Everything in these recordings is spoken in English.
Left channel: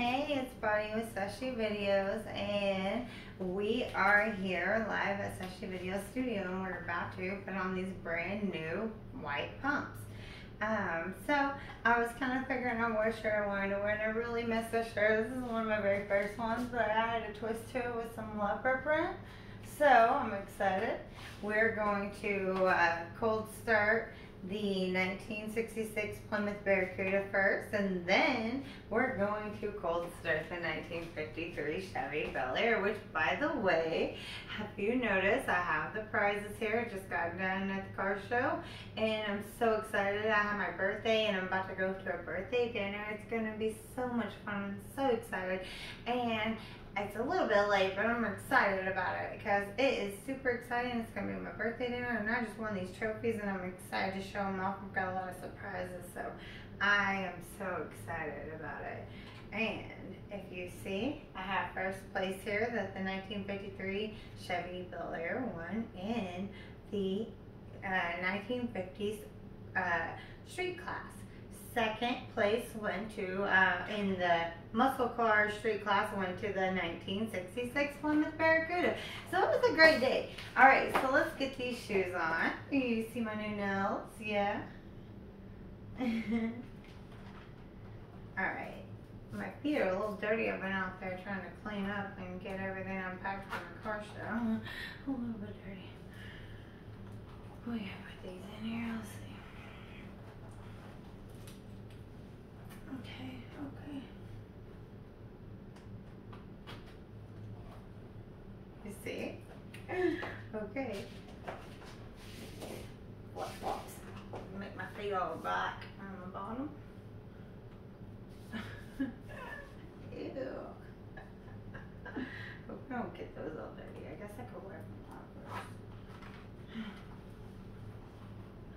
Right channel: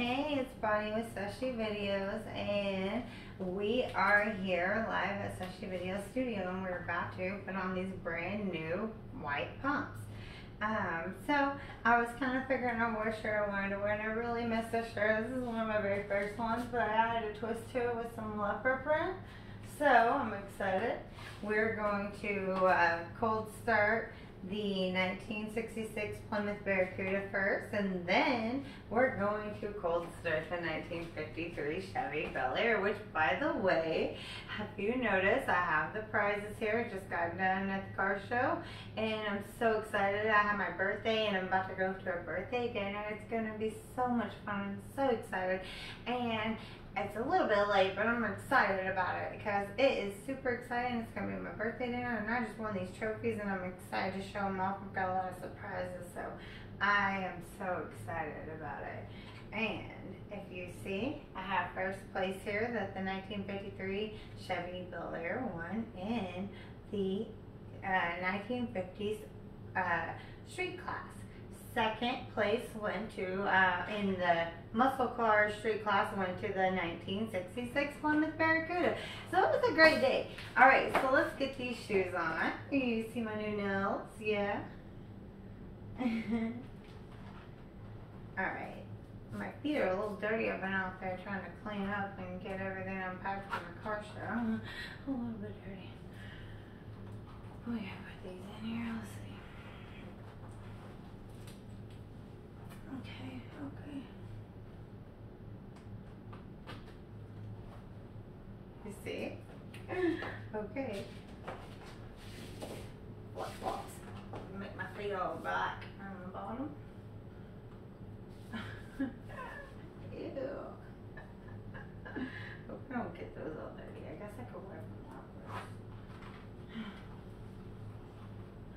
Hey, it's Bonnie with Sashi Videos, and we are here live at Sashi Video Studio, and we're about to put on these brand new white pumps. So I was kind of figuring out what shirt I wanted to wear, and I really missed this shirt. This is one of my very first ones, but I had to twist to it with some leopard print. So I'm excited. We're going to cold start the 1966 Plymouth Barracuda first, and then we're going to cold start the 1953 Chevy Bel Air, which, by the way, have you noticed I have the prizes here. I just got done at the car show, and I'm so excited. I have my birthday, and I'm about to go to a birthday dinner. It's going to be so much fun. I'm so excited, and it's a little bit late, but I'm excited about it because it is super exciting. It's going to be my birthday dinner, and I just won these trophies, and I'm excited to show them off. I've got a lot of surprises, so I am so excited about it. And if you see, I have first place here that the 1953 Chevy Bel Air won in the 1950s street class. Second place went to, in the muscle car street class, went to the 1966 Plymouth Barracuda. So it was a great day. Alright, so let's get these shoes on. You see my new nails? Yeah? Alright. My feet are a little dirty. I've been out there trying to clean up and get everything unpacked from the car show. A little bit dirty. We gotta put these in here. Let's see. Okay. You see? Okay. Flip-flops. Make my feet all black on the bottom. Ew. Hope I don't get those all dirty. I guess I could wear them out.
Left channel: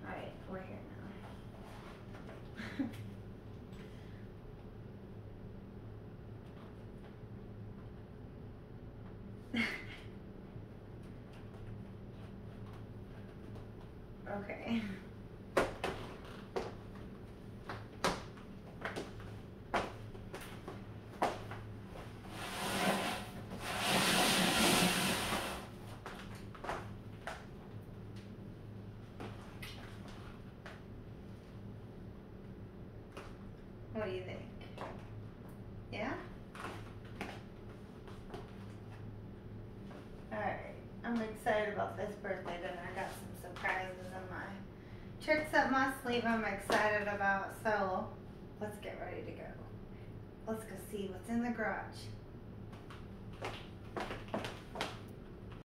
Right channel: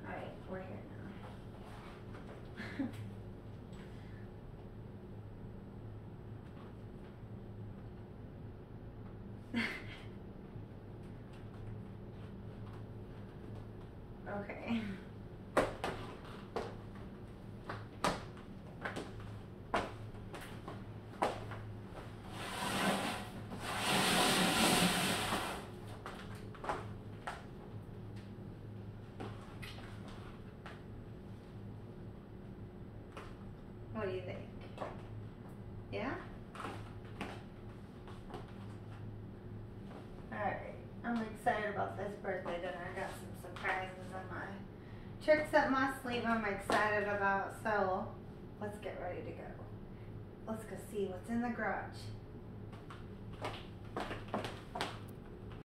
Alright, we're here now. Okay. What do you think? Yeah? Alright, I'm excited about this birthday dinner. I got some surprises in my tricks up my sleeve I'm excited about, so let's get ready to go. Let's go see what's in the garage.